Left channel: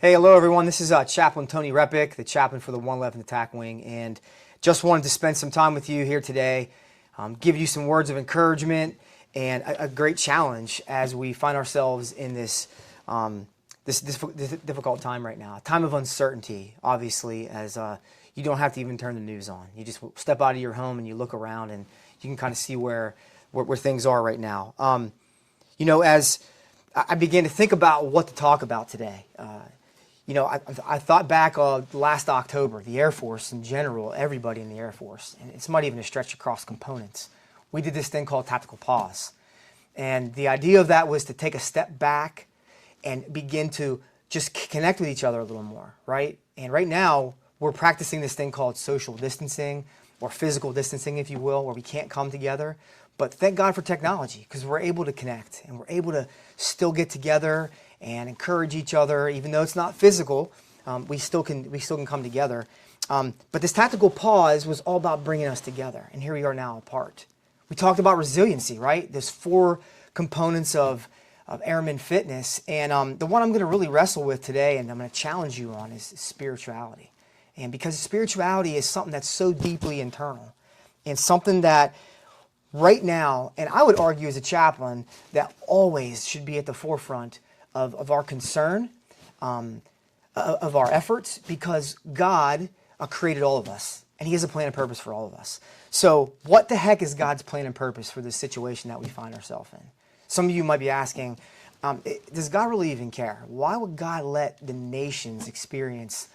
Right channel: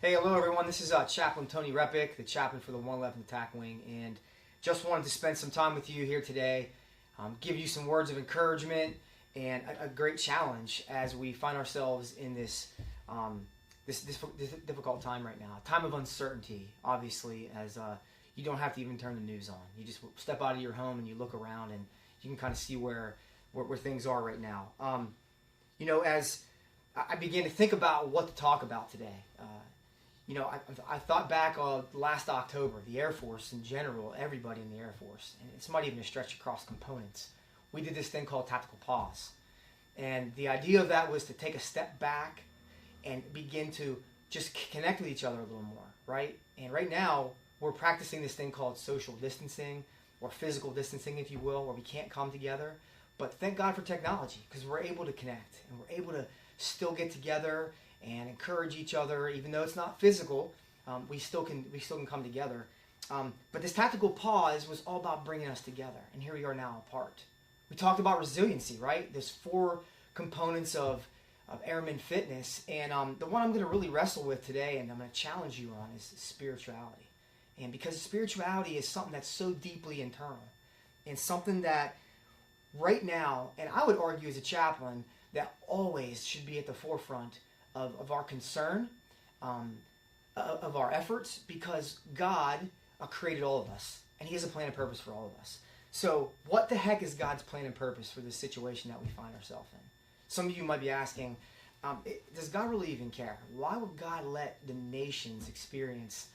Hey, hello everyone. This is Chaplain Tony Repic, the chaplain for the 111th Attack Wing, and just wanted to spend some time with you here today, give you some words of encouragement and a great challenge as we find ourselves in this difficult time right now, a time of uncertainty. Obviously, as you don't have to even turn the news on. You just step out of your home and you look around, and you can kind of see where things are right now. As I began to think about what to talk about today. I thought back last October, the Air Force in general, everybody in the Air Force, and it's not even a stretch across components. We did this thing called tactical pause. And the idea of that was to take a step back and begin to just connect with each other a little more, right? And right now, we're practicing this thing called social distancing, or physical distancing, if you will, where we can't come together. But thank God for technology, because we're able to connect, and we're able to still get together and encourage each other, even though it's not physical. We still can come together. But this tactical pause was all about bringing us together, and here we are now apart. We talked about resiliency, right? There's 4 components of airman fitness, and the one I'm going to really wrestle with today, and I'm going to challenge you on, is spirituality. And because spirituality is something that's so deeply internal, and something that right now, and I would argue as a chaplain, that always should be at the forefront of our concern, of our efforts, because God created all of us, and He has a plan and purpose for all of us. So what the heck is God's plan and purpose for this situation that we find ourselves in? Some of you might be asking, does God really even care? Why would God let the nations experience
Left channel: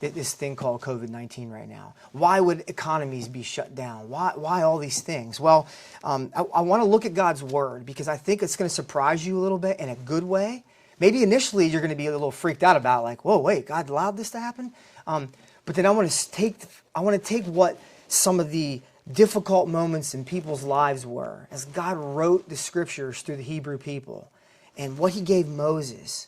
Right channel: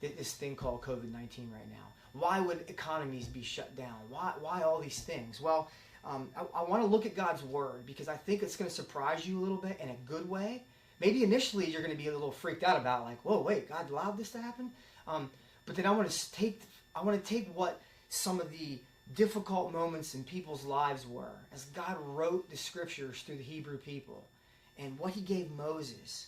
this thing called COVID-19 right now? Why would economies be shut down? Why all these things? Well, I want to look at God's Word, because I think it's going to surprise you a little bit in a good way. Maybe initially you're going to be a little freaked out about, like, whoa, wait, God allowed this to happen? But then I want to take what some of the difficult moments in people's lives were as God wrote the Scriptures through the Hebrew people, and what He gave Moses.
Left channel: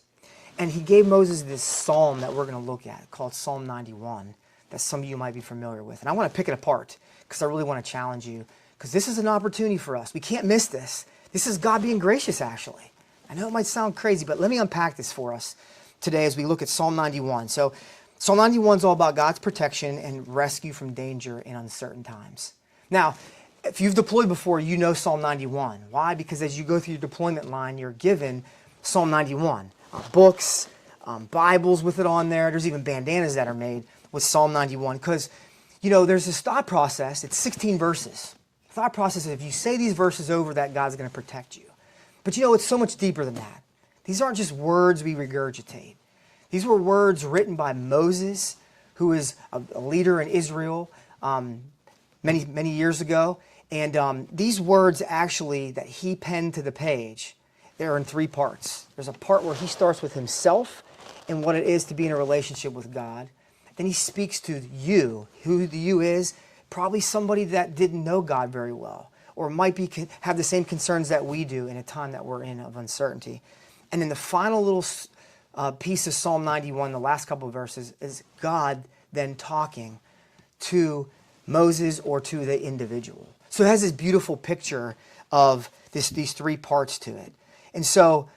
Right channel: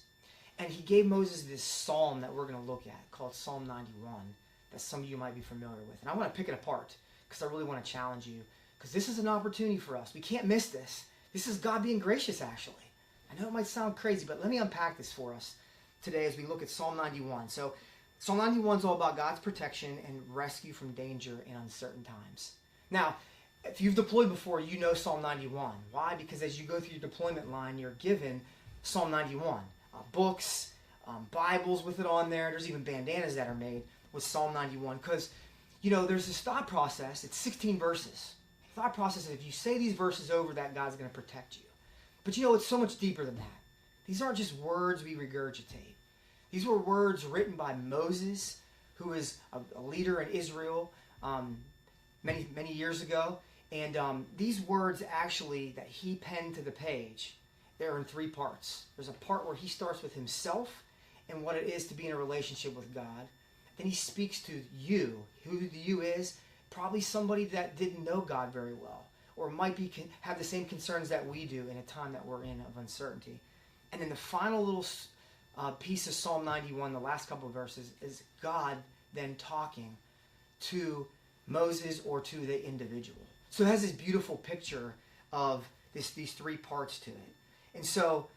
And He gave Moses this psalm that we're going to look at called Psalm 91 that some of you might be familiar with. And I want to pick it apart because I really want to challenge you, because this is an opportunity for us. We can't miss this. This is God being gracious, actually. I know it might sound crazy, but let me unpack this for us today as we look at Psalm 91. So Psalm 91 is all about God's protection and rescue from danger in uncertain times. Now, if you've deployed before, you know Psalm 91. Why? Because as you go through your deployment line, you're given Psalm 91. Books, Bibles with it on there. There's even bandanas that are made with Psalm 91, because, there's this thought process. It's 16 verses. The thought process is, if you say these verses over, that God's going to protect you. But it's so much deeper than that. These aren't just words we regurgitate. These were words written by Moses, who is a leader in Israel many years ago. And these words actually that he penned to the page, they're in 3 parts. There's a part where he starts with himself and what it is to be in a relationship with God. Then he speaks to you. Who the you is, probably somebody that didn't know God very well, or might have the same concerns that we do in a time that we're in of uncertainty. And then the final little piece of Psalm 91, the last couple of verses, is God then talking to Moses or to the individual. So it has this beautiful picture of these 3 parts to it. And so,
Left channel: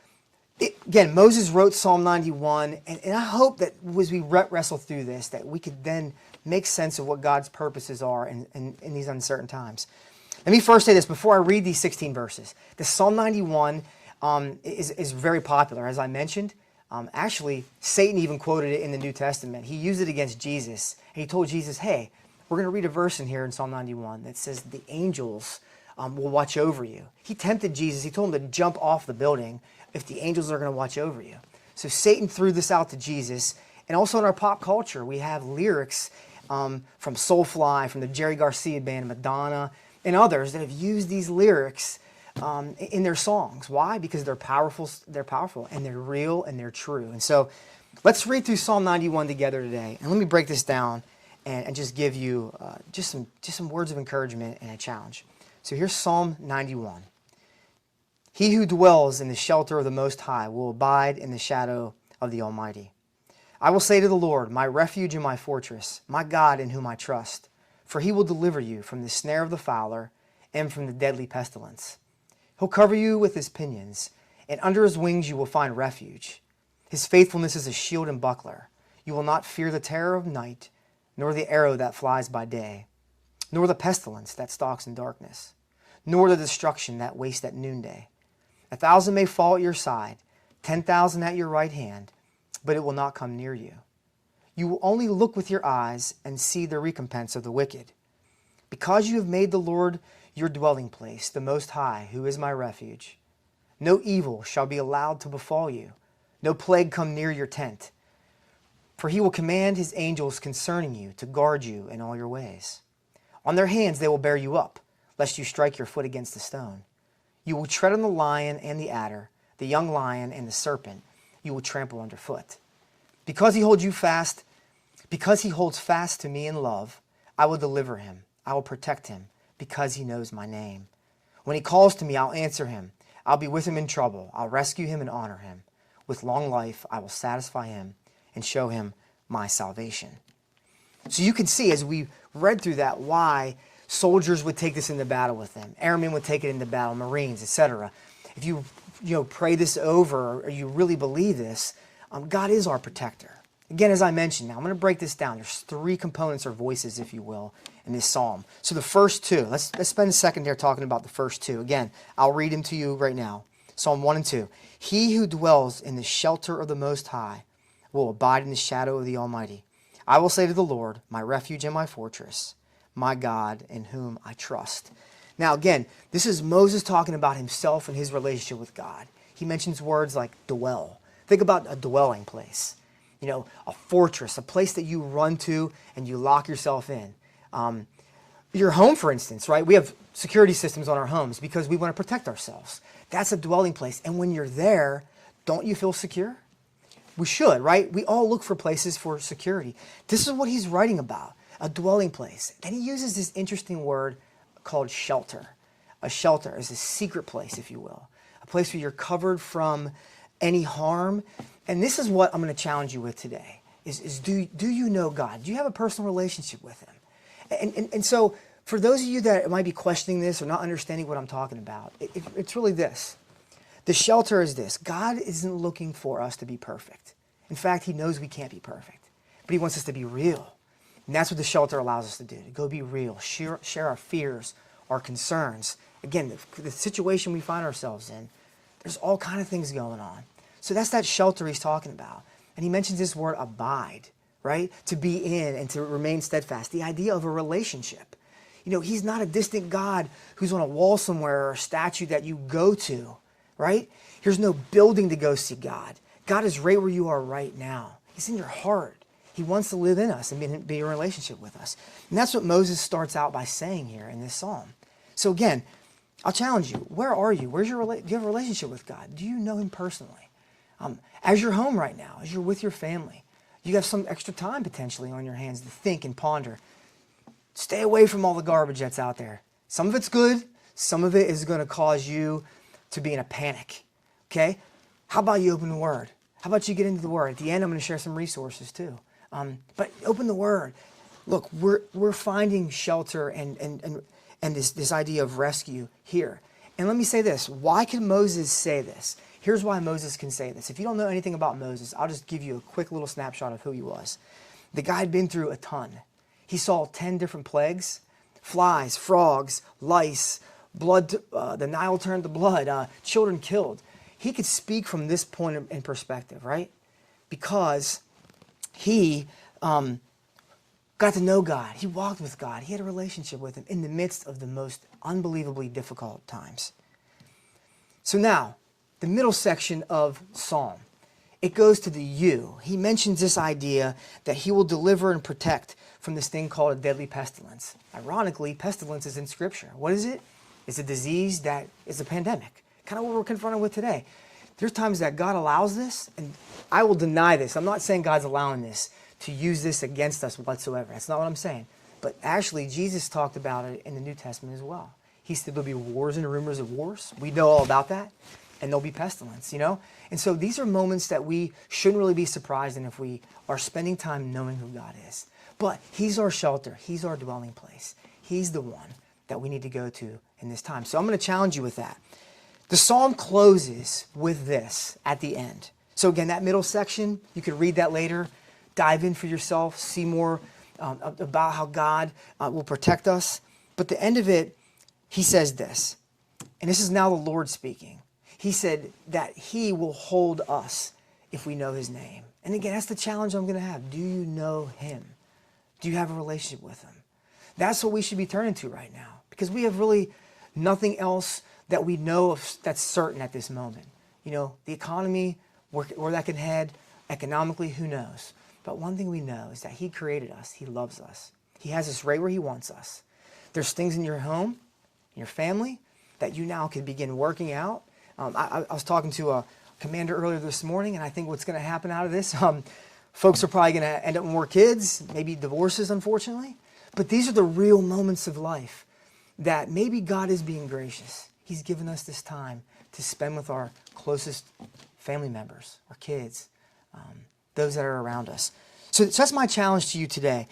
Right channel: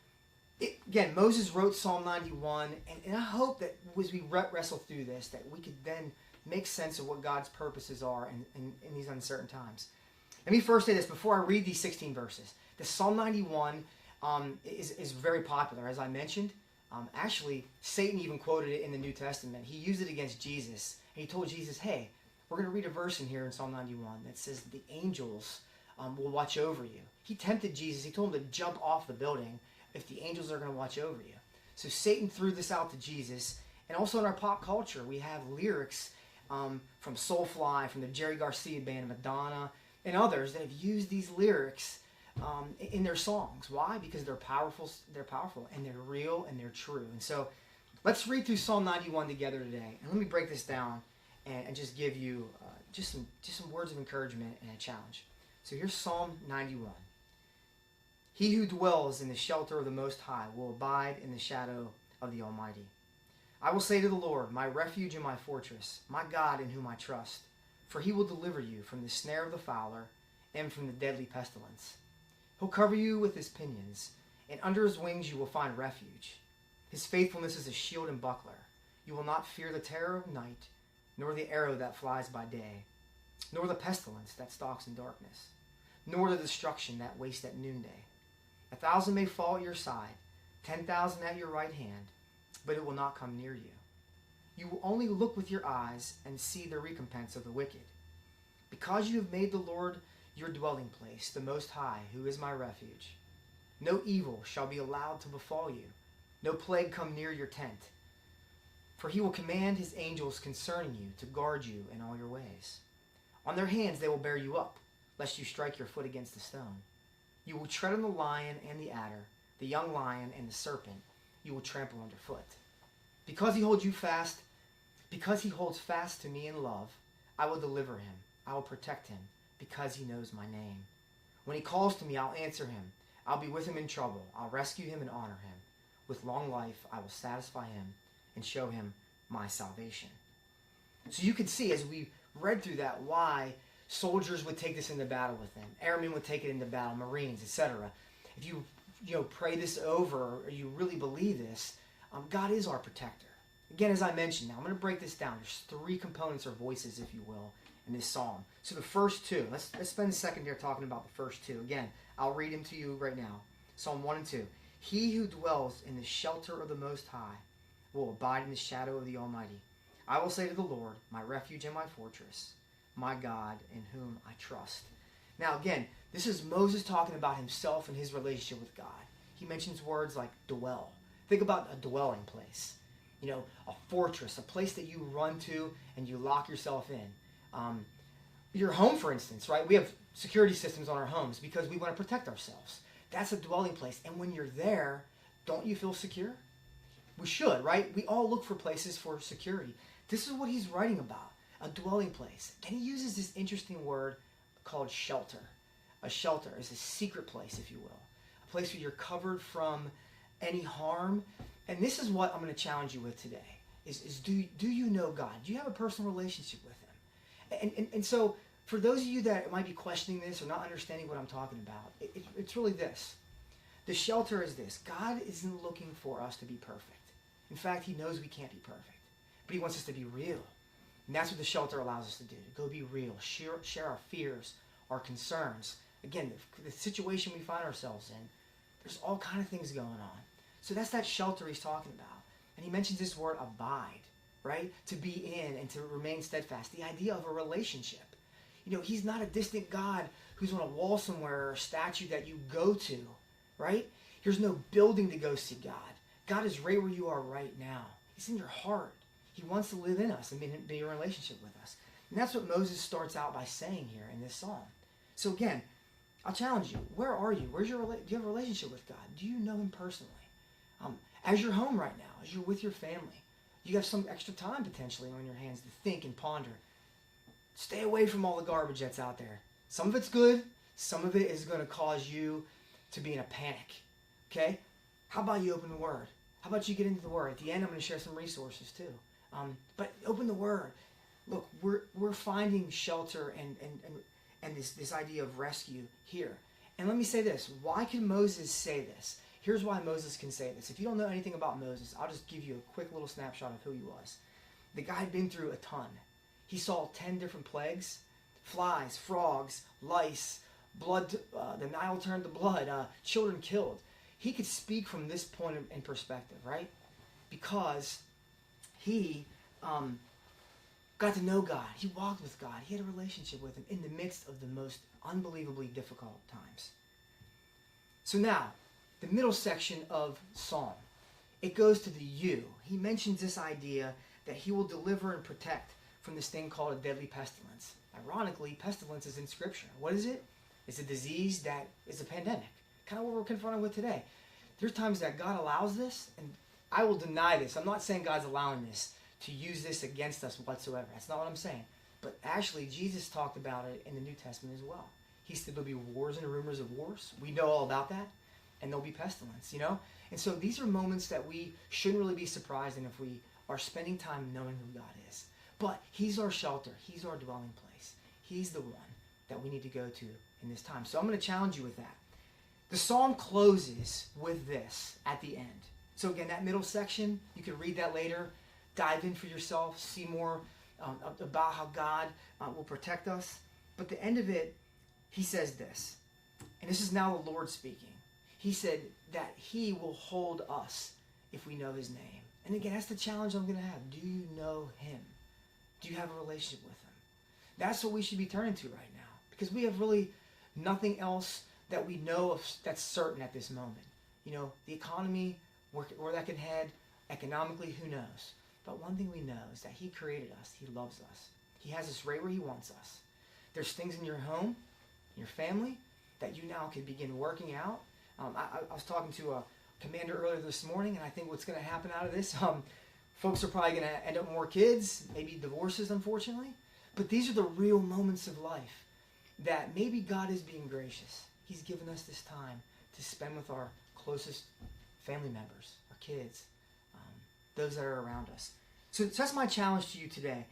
again, Moses wrote Psalm 91, and I hope that as we wrestle through this, that we could then make sense of what God's purposes are in these uncertain times. Let me first say this before I read these 16 verses. The Psalm 91 is very popular, as I mentioned. Actually, Satan even quoted it in the New Testament. He used it against Jesus, and he told Jesus, hey, we're going to read a verse in here in Psalm 91 that says the angels will watch over you. He tempted Jesus. He told him to jump off the building if the angels are going to watch over you. So Satan threw this out to Jesus. And also in our pop culture, we have lyrics from Soulfly, from the Jerry Garcia band, Madonna, and others that have used these lyrics in their songs. Why? Because they're powerful, and they're real, and they're true. And so let's read through Psalm 91 together today. And let me break this down and just give you just some words of encouragement and a challenge. So here's Psalm 91. He who dwells in the shelter of the Most High will abide in the shadow of the Almighty. I will say to the Lord, my refuge and my fortress, my God in whom I trust, for He will deliver you from the snare of the fowler and from the deadly pestilence. He'll cover you with His pinions, and under His wings you will find refuge. His faithfulness is a shield and buckler. You will not fear the terror of night, nor the arrow that flies by day, nor the pestilence that stalks in darkness, nor the destruction that wastes at noonday. 1,000 may fall at your side, 10,000 at your right hand, but it will not come near you. You will only look with your eyes and see the recompense of the wicked. Because you have made the Lord your dwelling place, the Most High, who is my refuge, no evil shall be allowed to befall you, no plague come near your tent. For he will command his angels concerning you to guard you in all your ways. On their hands they will bear you up, lest you strike your foot against a stone. You will tread on the lion and the adder, the young lion and the serpent you will trample underfoot. Because he holds fast to me in love, I will deliver him. I will protect him, because he knows my name. When he calls to me, I'll answer him. I'll be with him in trouble. I'll rescue him and honor him. With long life, I will satisfy him and show him my salvation. So you can see, as we read through that, why soldiers would take this into battle with them. Airmen would take it into battle, Marines, etc. If you pray this over, or you really believe this, God is our protector. Again, as I mentioned, now I'm going to break this down. There's 3 components or voices, if you will, in this psalm. So the first 2, let's spend a second here talking about the first 2. Again, I'll read them to you right now. Psalm 1 and 2. He who dwells in the shelter of the Most High will abide in the shadow of the Almighty. I will say to the Lord, my refuge and my fortress, my God in whom I trust. Now again, this is Moses talking about himself and his relationship with God. He mentions words like dwell. Think about a dwelling place. A fortress, a place that you run to and you lock yourself in. Your home, for instance, right? We have security systems on our homes because we want to protect ourselves. That's a dwelling place. And when you're there, don't you feel secure? We should, right? We all look for places for security. This is what he's writing about, a dwelling place. Then he uses this interesting word called shelter. A shelter is a secret place, if you will. A place where you're covered from any harm. And this is what I'm going to challenge you with today, is do you know God? Do you have a personal relationship with him? And so for those of you that might be questioning this or not understanding what I'm talking about, it's really this. The shelter is this. God isn't looking for us to be perfect. In fact, he knows we can't be perfect, but he wants us to be real. And that's what the shelter allows us to do, to go be real, share our fears, our concerns. Again, the situation we find ourselves in, there's all kinds of things going on. So that's that shelter he's talking about. And he mentions this word abide, right? To be in and to remain steadfast. The idea of a relationship. He's not a distant God who's on a wall somewhere or a statue that you go to, right? There's no building to go see God. God is right where you are right now. He's in your heart. He wants to live in us and be in a relationship with us. And that's what Moses starts out by saying here in this psalm. So again, I'll challenge you. Where are you? Do you have a relationship with God? Do you know him personally? As you're home right now, as you're with your family, you have some extra time potentially on your hands to think and ponder. Stay away from all the garbage that's out there. Some of it's good. Some of it is going to cause you to be in a panic. Okay? How about you open the Word? How about you get into the Word? At the end, I'm going to share some resources too. But open the Word. Look, we're finding shelter and this idea of rescue here. And let me say this. Why can Moses say this? Here's why Moses can say this. If you don't know anything about Moses, I'll just give you a quick little snapshot of who he was. The guy had been through a ton. He saw 10 different plagues, flies, frogs, lice, blood, the Nile turned to blood, children killed. He could speak from this point in perspective, right? Because he got to know God. He walked with God. He had a relationship with him in the midst of the most unbelievably difficult times. So now, the middle section of Psalm, it goes to the you. He mentions this idea that he will deliver and protect from this thing called a deadly pestilence. Ironically, pestilence is in Scripture. What is it? It's a disease that is a pandemic. Kind of what we're confronted with today. There's times that God allows this, and I will deny this. I'm not saying God's allowing this to use this against us whatsoever. That's not what I'm saying. But actually, Jesus talked about it in the New Testament as well. He said there'll be wars and rumors of wars. We know all about that. And there'll be pestilence, And so these are moments that we shouldn't really be surprised in if we are spending time knowing who God is. But he's our shelter. He's our dwelling place. He's the one that we need to go to in this time. So I'm going to challenge you with that. The psalm closes with this at the end. So again, that middle section, you could read that later, dive in for yourself, see more about how God will protect us. But the end of it, he says this, and this is now the Lord speaking. He said that he will hold us if we know his name. And again, that's the challenge I'm going to have. Do you know him? Do you have a relationship with him? That's what we should be turning to right now, because we have really nothing else that we know of that's certain at this moment. You know, the economy, where that can head, economically, who knows? But one thing we know is that he created us. He loves us. He has us right where he wants us. There's things in your home, in your family, that you now can begin working out. I was talking to a commander earlier this morning, and I think what's going to happen out of this, folks are probably going to end up with more kids, maybe divorces, unfortunately. But these are the real moments of life that maybe God is being gracious. He's given us this time to spend with our closest family members, our kids, those that are around us. So that's my challenge to you today.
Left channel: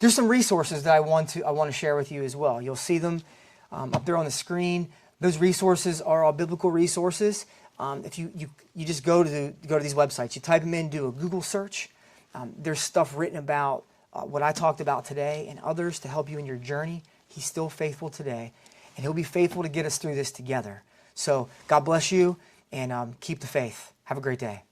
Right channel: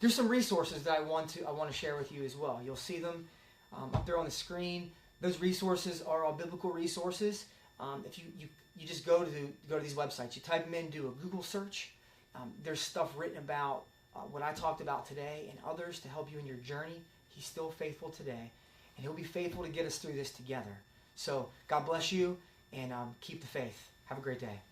There's some resources that I want to share with you as well. You'll see them up there on the screen. Those resources are all biblical resources. If you just go to these websites, you type them in, do a Google search. There's stuff written about what I talked about today and others to help you in your journey. He's still faithful today, and he'll be faithful to get us through this together. So God bless you, and keep the faith. Have a great day.